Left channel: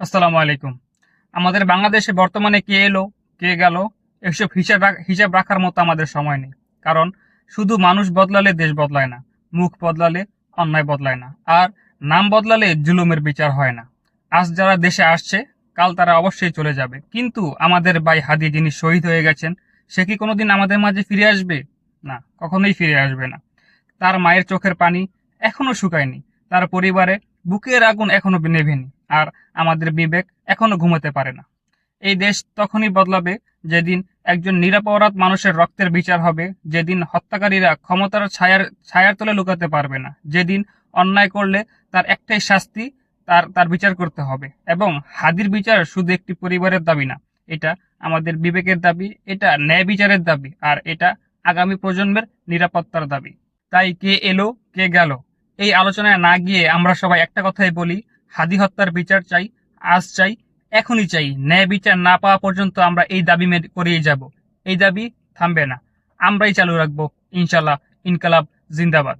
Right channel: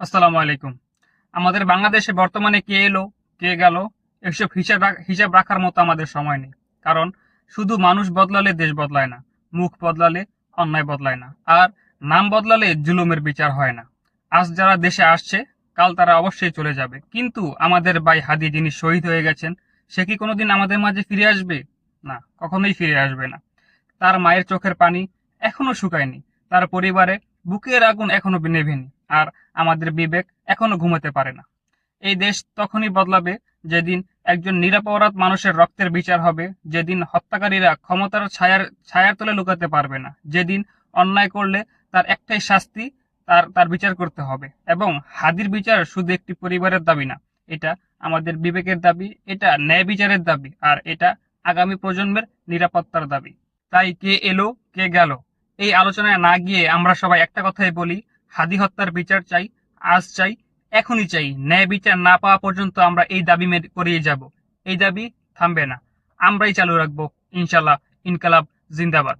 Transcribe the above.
আসসালামু আলাইকুম। আমাদের বাংলাদেশে বর্তমানে কে এলো কে গেল এসব হিসাব রাখার মতো আমাদের সময় নেই। কারণ শুধু মানুষ বদলালে দেশ বদলায় না, মুখ বদলালে অন্যায় বদলায় না, আর নাম বদলালে জুলুমের বিচার হয় না। আজ যারা দেশে আসছে, কাল তারা অবশ্যই চলে যাবে, কিন্তু আমাদের ভাই হাদি যিনি শহীদ হয়ে গেছেন, সে কি কোনোদিন আমাদের মাঝে ফিরে আসবে? না, কখনোই ফিরে আসবে না। তার মায়ের চোখের পানি এখনো শুকায়নি, তার পরিবারে বুকের আগুন এখনো নেভেনি, আর আমাদের বিবেক এখনো ঘুমাতে পারে না। এই দেশ তখনই বদলাবে যেদিন একজন নিরপরাধ মানুষের রক্তের বিচার হবে, যেদিন হত্যাকারীরা ক্ষমতার ছায়ার ছায়ার তলে লুকাতে পারবে না, যেদিন অন্যায় করলে তার একটাই শাস্তি, তার তার বিচার করতে হবে। এবং হাদির বিচার শুধু একটি পরিবারের দাবি না, এটা আমাদের বিবেকের দাবি, এটা ন্যায় বিচারের দাবি, আর এটা আগামী প্রজন্মের নিরাপত্তার দাবি। তাই কে এলো কে গেল এই আলোচনায় না গিয়ে আমরা সবাই একটা কথাই বলি: হাদি হত্যার বিচার চাই, আজ চাই, এখনই চাই। ন্যায় বিচার না পাওয়া পর্যন্ত আমরা এই দাবি করেই যাব। এই দাবি থামবে না, আমরাই চালু রাখবো, ইনশাল্লাহ। ইনকালাব জিন্দাবাদ।